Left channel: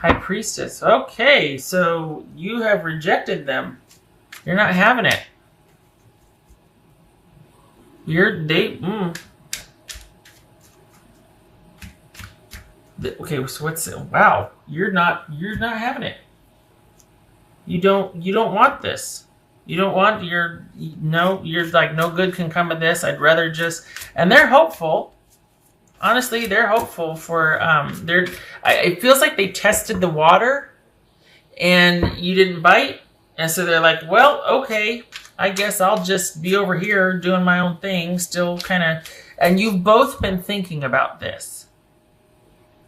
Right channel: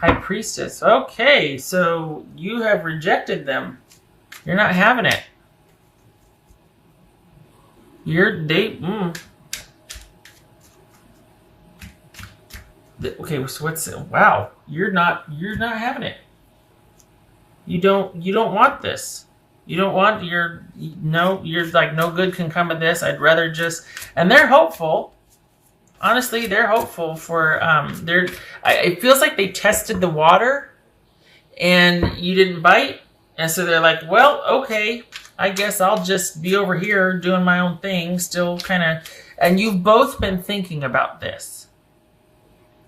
High Priestess. Okay, so you have rejected them. You're not having it. Okay, so what's wow? You're not having it. You don't want this. You don't want you're like, no good can come of this. I'd rather just, and they're hopeful. Honestly, they're hopeful for it feels like they tested the water and you didn't bite. And so they're like, well, okay, I guess I'll just be over here doing my own thing, still kind of. And you've both been thinking about this.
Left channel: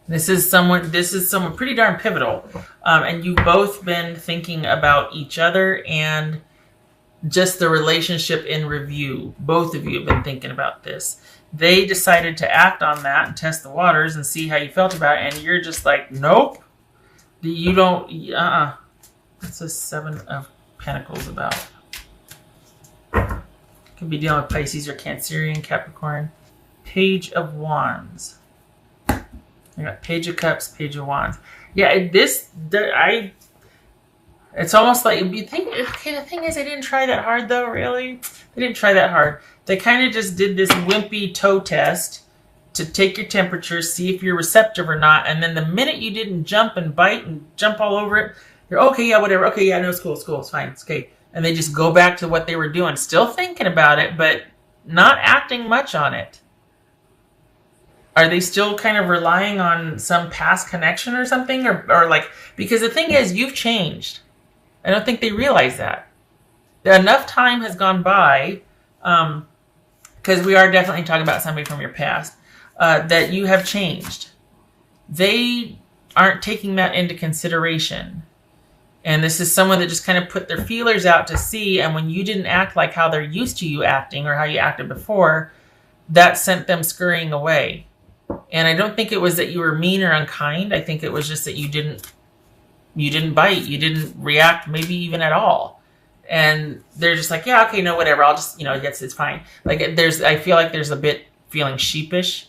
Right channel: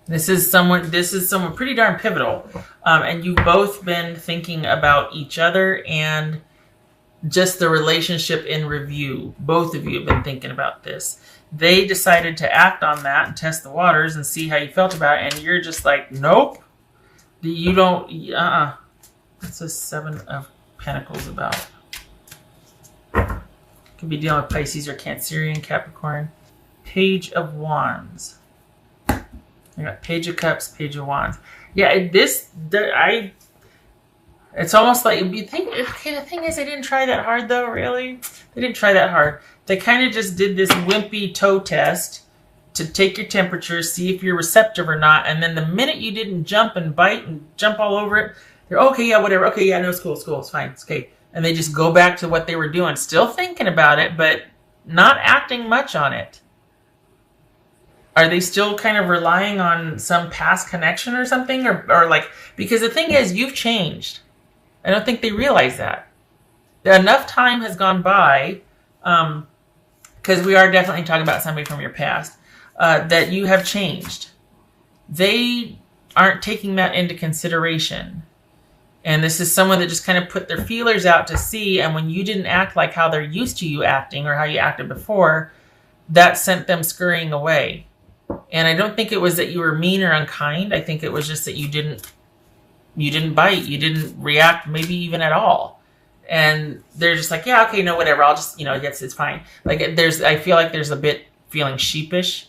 This is someone pretty darn pivotal. And you've both been thinking about each other and just the relationship in review. Both of you have been thinking about this. They decided to act on that and test the waters and see how you felt about it. And you're just like, nope. You don't, What's the Seven of Pentacles about? Could be dealing with Pisces or Cancerian, Capricorn. Page of Wands. I got Page of Cups, Page of Wands. Yeah, it's almost like, okay, the thing is, they didn't try that hard though, really. They didn't try that hard. They kind of just did this wimpy toe test to take your temperature, see if you're receptive or not. And then the minute you didn't jump and bite and jump all over it, you're okay, yeah, whatever. Okay, yeah, no, it's cool, it's fine, it's okay. And they just go back to what they were doing, still thinking about it, but not acting much on it. Are they still kind of relying on some past connection or something? Or like, because the thing is, you've changed. I don't think they realize that. Enough time has gone by, because we are definitely talking about something from your past, that you have changed. They aren't taking that into consideration. And this is someone that just kind of put their feelers out to see, and when you didn't act like how they're used to you acting or how you acted before, that sent them scurrying away. And I don't think it was that you were mean or unkind. I think it was just that you didn't bite. You didn't react maybe even at all. And they're just like, yeah, okay, no, whatever. I'll just, it's fine. Like I feel like there's a bit feeling sheepish,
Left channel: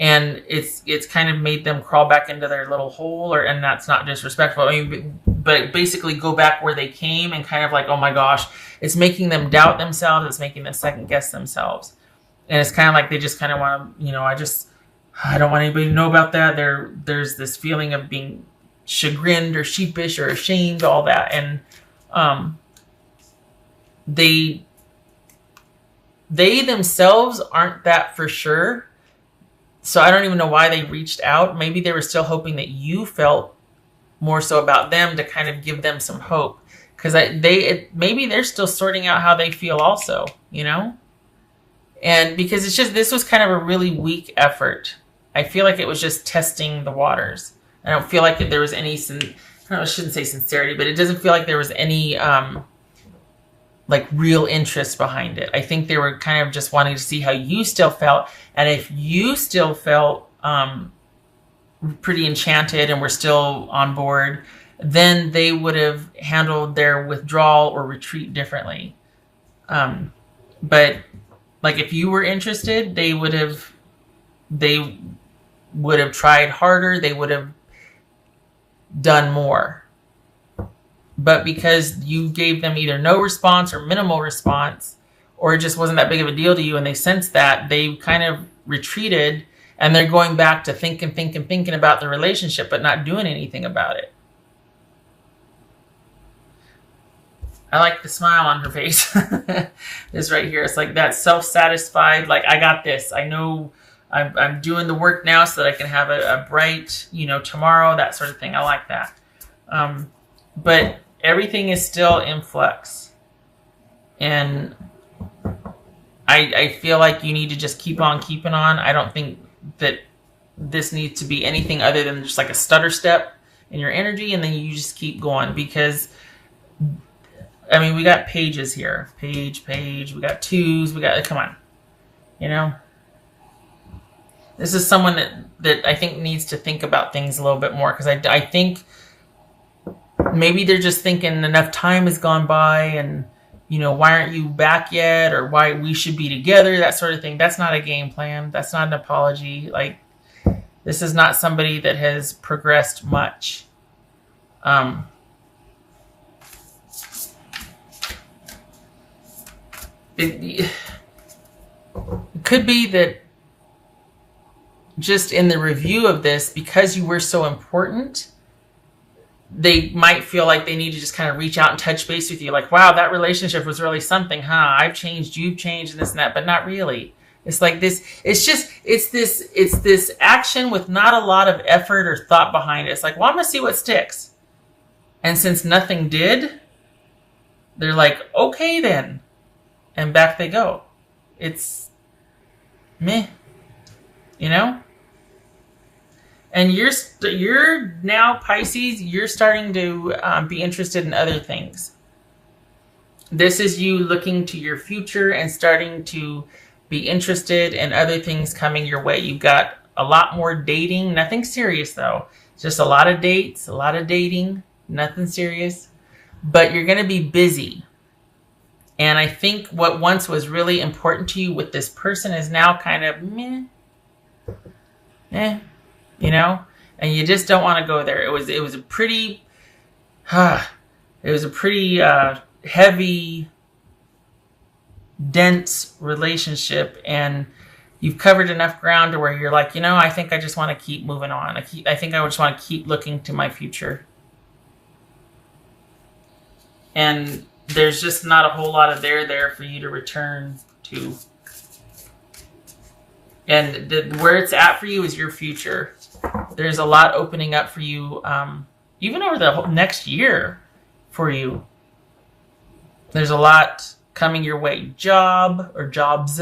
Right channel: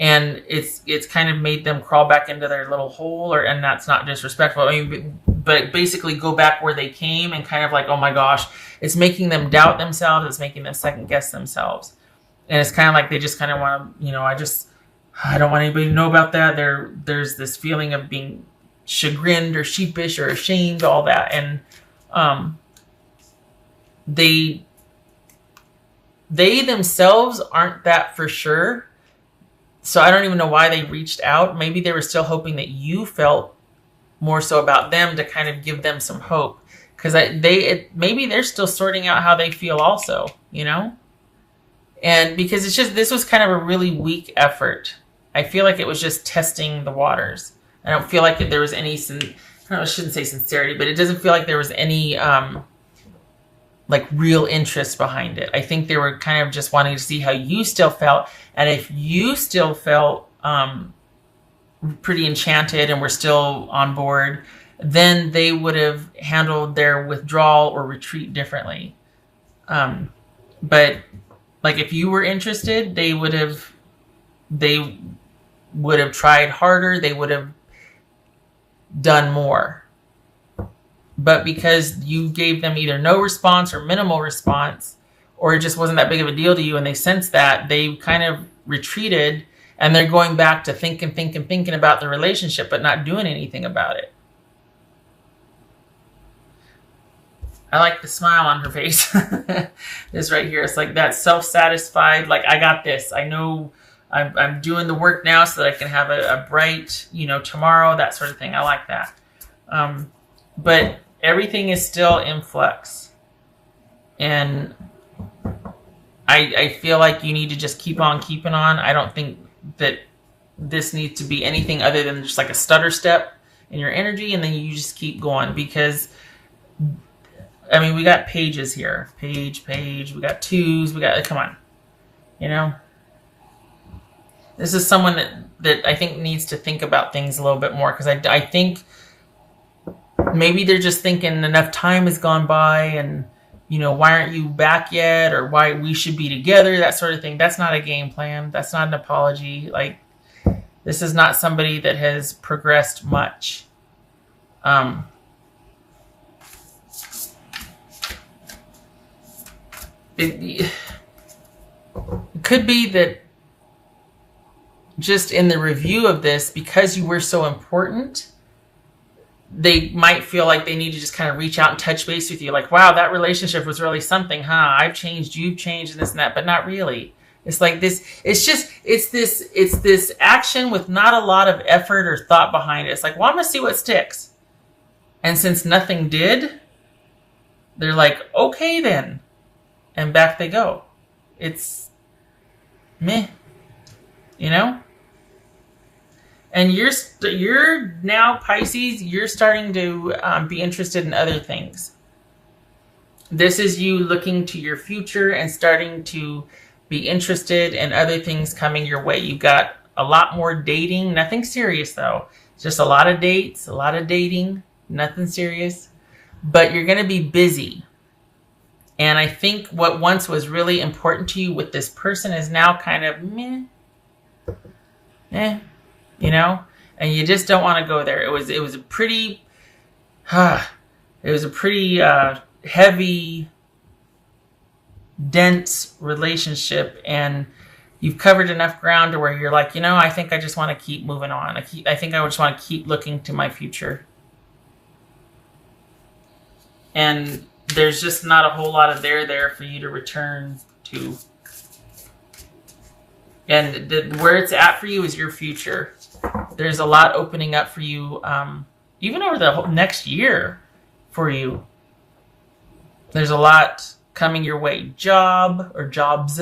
and it's kind of made them crawl back into their little hole, and that's not disrespectful. I mean, but basically go back where they came and kind of like, oh my gosh, it's making them doubt themselves. It's making them second guess themselves. And it's kind of like they just kind of want to, I don't want anybody to know about that. There's this feeling of being chagrined or sheepish or ashamed, all that. And they themselves aren't that for sure. So I don't even know why they reached out. Maybe they were still hoping that you felt more so about them to kind of give them some hope. Because maybe they're still sorting out how they feel also, And because this was kind of a really weak effort. I feel like it was just testing the waters. I don't feel like there was any, I shouldn't say sincerity, but it doesn't feel like there was any like real interest behind it. I think they were kind of just wanting to see how you still felt. And if you still felt pretty enchanted and were still on board, then they would have handled their withdrawal or retreat differently. But like if you were interested, they would have tried harder. They would have done more. But because you gave them either no response or minimal response, or it just wasn't that big of a deal to you, and they sensed that, they kind of retreated, and they're going back to thinking about the relationship, but not doing anything about it. I like the smile on her face. This right here, it's like that self-satisfied, like, I got this. I know I'm doing the work now so that I can have a bright, tomorrow, that sort of thing. I like that. But everything is still in flux. And I feel like you need to just keep on keeping on. I don't think that this needs to be anything other than just like a stutter step in your energy, and then you just keep going. Because, I mean, we got pages here. Page, we got twos, come on. This is someone that I think needs to think about things a little bit more, because I think maybe they're just thinking enough time has gone by, and why aren't you back yet, or why we should be together, that sort of thing. That's not a game plan. That's not an apology. Like, this is not somebody that has progressed much. Um, it could be that just in the review of this, because you were so important, they might feel like they need to just kind of reach out and touch base with you. Like, wow, that relationship was really something, huh? I've changed, you've changed, and this and that, but not really. It's like this, it's this action with not a lot of effort or thought behind it. It's like, well, I'm going to see what sticks. And since nothing did, they're like, okay then. And back they go. It's meh, you know? And you're now, Pisces, you're starting to be interested in other things. This is you looking to your future and starting to be interested in other things coming your way. You've got a lot more dating, nothing serious though. Just a lot of dates, a lot of dating, nothing serious. But you're going to be busy. And I think what once was really important to you with this person is now kind of meh, you know? And you just don't want to go there. It was a pretty, heavy, dense relationship, and you've covered enough ground to where you're like, I think I just want to keep moving on. I think I just want to keep looking to my future. And there's just not a whole lot of there for you to return to. And where it's at for you is your future. There's a lot opening up for you, even over the whole next year for you. There's a lot coming your way. Jobs,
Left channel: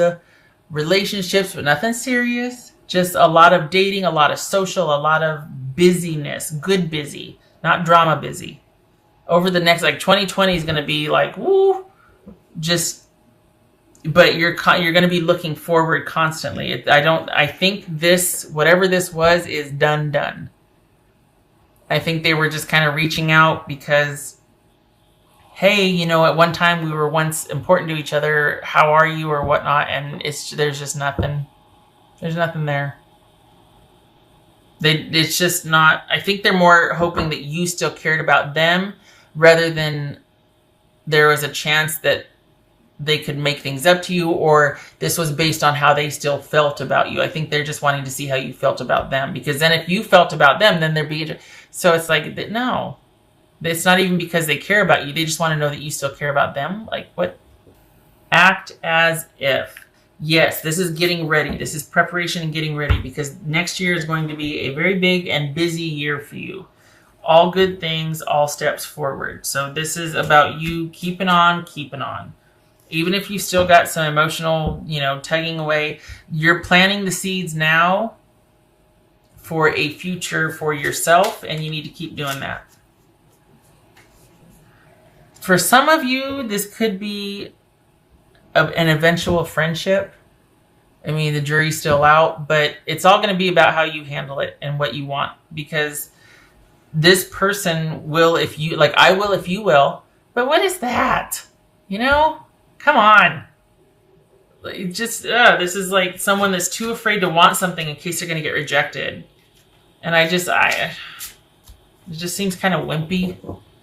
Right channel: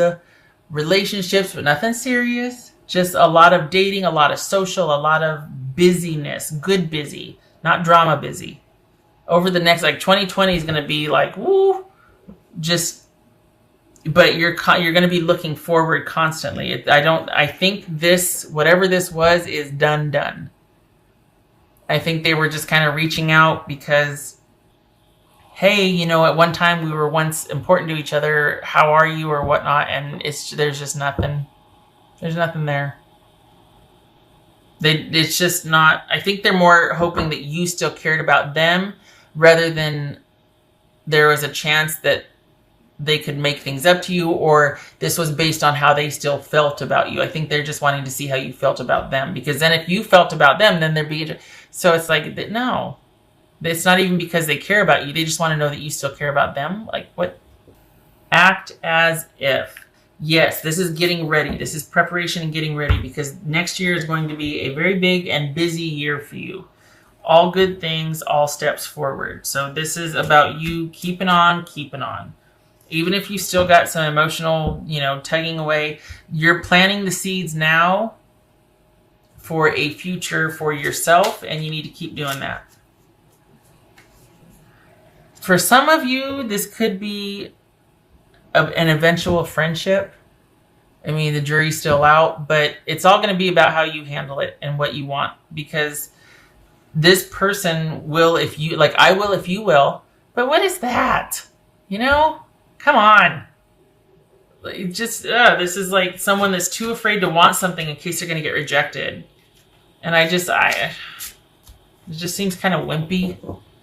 relationships, but nothing serious. Just a lot of dating, a lot of social, a lot of busyness. Good busy, not drama busy. Over the next, 2020 is going to be like, woo, but you're going to be looking forward constantly. I think this, whatever this was, is done. I think they were just kind of reaching out because, hey, at one time we were once important to each other. How are you or whatnot? And there's just nothing. There's nothing there. It's just not. I think they're more hoping that you still cared about them rather than there was a chance that they could make things up to you, or this was based on how they still felt about you. I think they're just wanting to see how you felt about them, because then if you felt about them, then there'd be. So it's like, no, it's not even because they care about you. They just want to know that you still care about them. Like, what? Act as if. Yes, this is getting ready. This is preparation and getting ready, because next year is going to be a very big and busy year for you. All good things, all steps forward. So this is about you keeping on. Even if you still got some emotional, tugging away, you're planting the seeds now for a future for yourself, and you need to keep doing that. For some of you, this could be an eventual friendship. I mean, the jury's still out, but it's all going to be about how you handle it and what you want, because this person will if you, I will if you will, but what is that? Come on. This is like someone that's too afraid to want something in case they're going to get rejected. And it just seems kind of wimpy.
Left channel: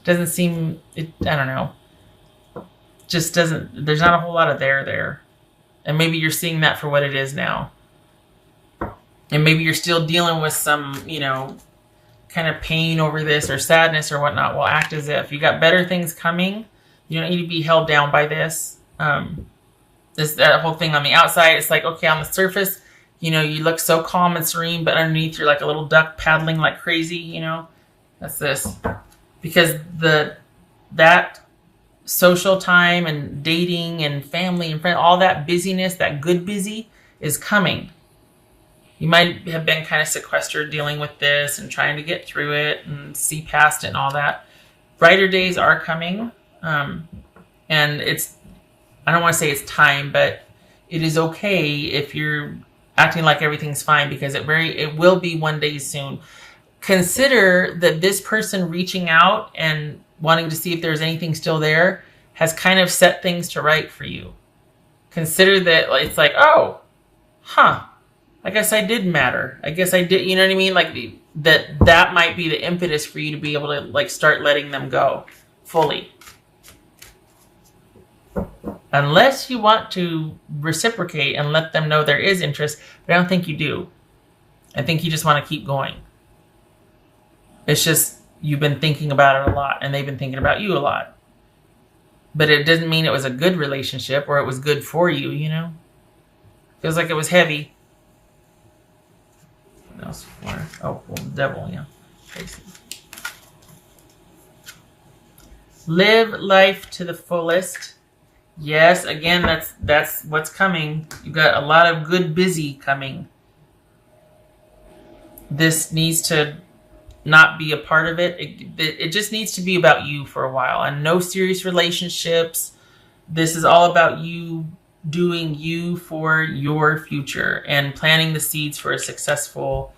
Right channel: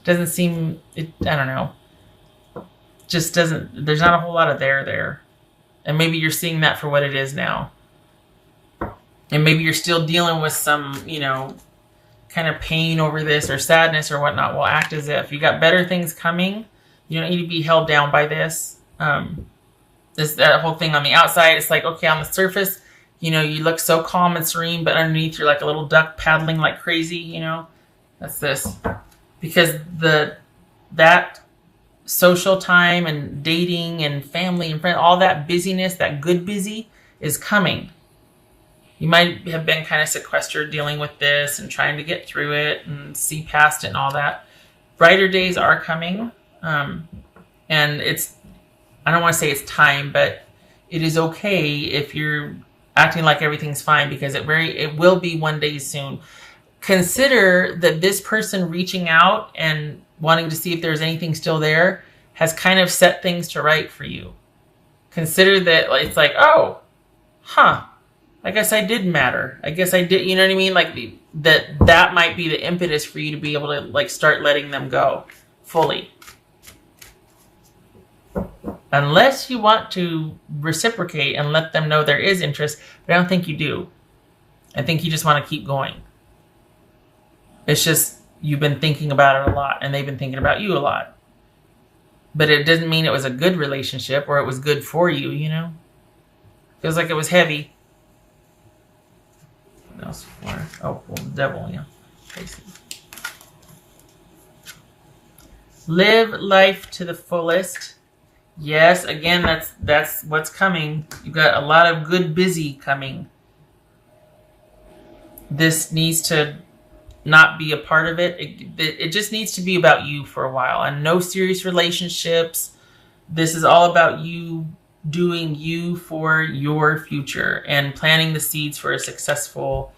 Doesn't seem, I don't know. Just doesn't, there's not a whole lot of there. And maybe you're seeing that for what it is now. And maybe you're still dealing with some, kind of pain over this or sadness or whatnot. Well, act as if. You got better things coming. You don't need to be held down by this. That whole thing on the outside, it's like, okay, on the surface, you look so calm and serene, but underneath you're like a little duck paddling like crazy, That's this. Because that social time and dating and family and friends, all that busyness, that good busy is coming. You might have been kind of sequestered dealing with this and trying to get through it and see past it and all that. Brighter days are coming. And I don't want to say it's time, but it is okay if you're acting like everything's fine, because it will be one day soon. Consider that this person reaching out and wanting to see if there's anything still there has kind of set things to right for you. Consider that it's like, I guess I did matter. I guess I did, you know what I mean? that might be the impetus for you to be able to like start letting them go fully. Unless you want to reciprocate and let them know there is interest, but I don't think you do. I think you just want to keep going. It's just you've been thinking about it a lot and they've been thinking about you a lot. But it doesn't mean it was a good relationship or it was good for you, you know? Feels like it was heavy. What else for? Oh, well, the devil, yeah. Live life to the fullest. Yes, again, that's what's coming. You've got a lot of good busy coming. This needs to not be a part of it. It just needs to be about you for a while. And no serious relationships. This is all about you doing you for your future and planting the seeds for a successful,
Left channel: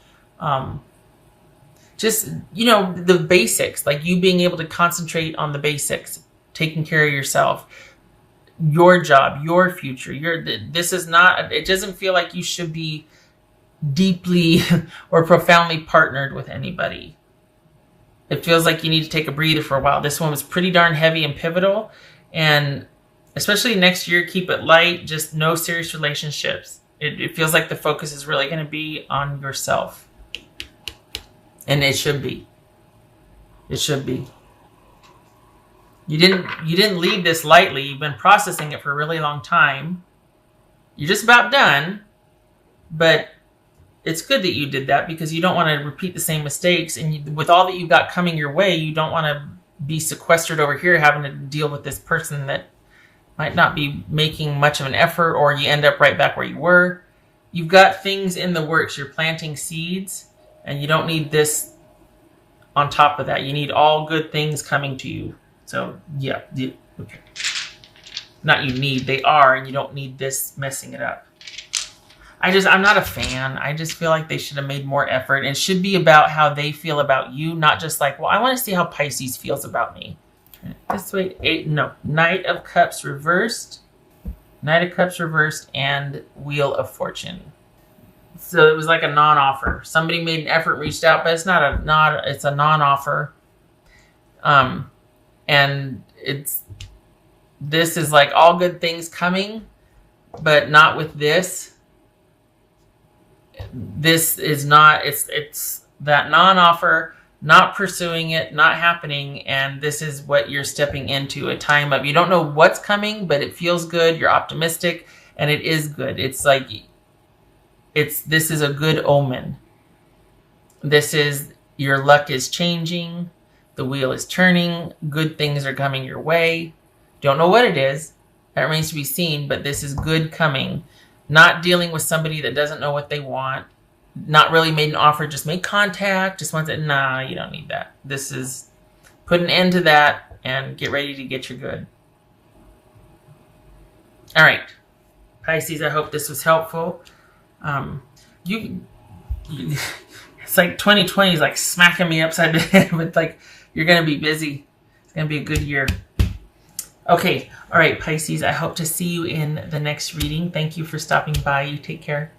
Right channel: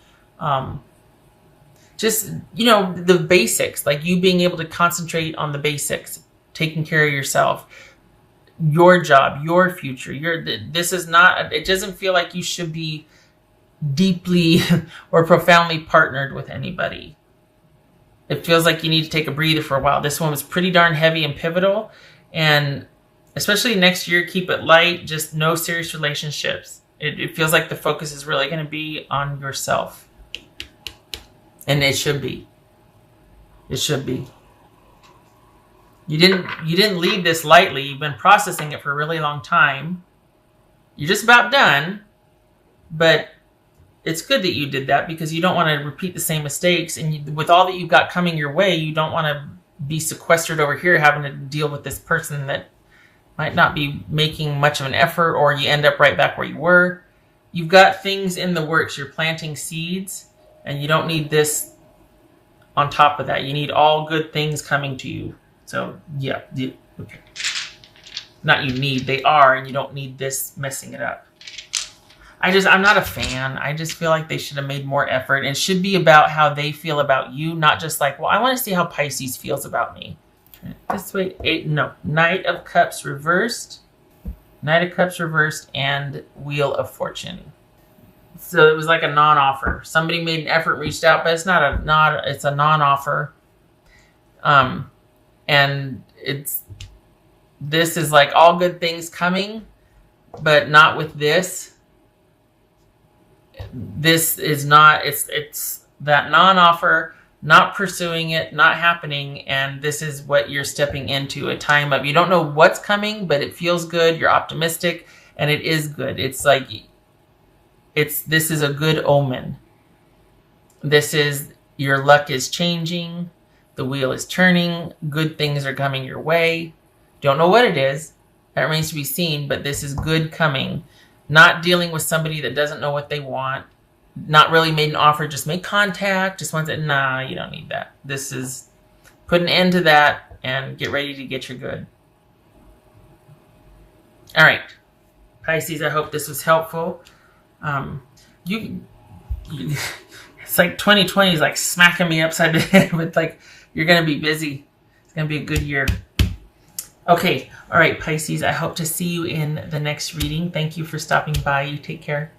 just, you know, the basics. Like you being able to concentrate on the basics. Taking care of yourself. Your job, your future. This is not, it doesn't feel like you should be deeply or profoundly partnered with anybody. It feels like you need to take a breather for a while. This one was pretty darn heavy and pivotal, and especially next year, keep it light. Just no serious relationships. It feels like the focus is really going to be on yourself, and it should be. It should be. You didn't leave this lightly. You've been processing it for a really long time. You're just about done, but it's good that you did that because you don't want to repeat the same mistakes. And with all that you've got coming your way, you don't want to be sequestered over here having to deal with this person that might not be making much of an effort, or you end up right back where you were. You've got things in the works. You're planting seeds, and you don't need this on top of that. You need all good things coming to you. So, yeah, okay. Not you need, they are, and you don't need this messing it up. I'm not a fan. I just feel like they should have made more effort. It should be about how they feel about you, not just like, well, I want to see how Pisces feels about me. This way, Knight of Cups reversed. Knight of Cups reversed and Wheel of Fortune. So it was like a non-offer. Somebody made an effort, reached out, but it's it's a non-offer. And this is like all good things coming, but not with this. This is not, it's that non-offer, not pursuing it, not happening, and this is what you're stepping into, a time of, you don't know what's coming, but it feels good, you're optimistic, and it is good. It's like, this is a good omen. This is, your luck is changing, the wheel is turning, good things are coming your way. Don't know what it is, that remains to be seen, but this is good coming. Not dealing with somebody that doesn't know what they want. Not really made an offer, just make contact. Just wants it. Nah, you don't need that. This is put an end to that and get ready to get your good. All right. Pisces, I hope this was helpful. It's like 2020 is like smacking me upside the head with like, you're going to be busy. It's going to be a good year. Okay. All right, Pisces, I hope to see you in the next reading. Thank you for stopping by. You take care.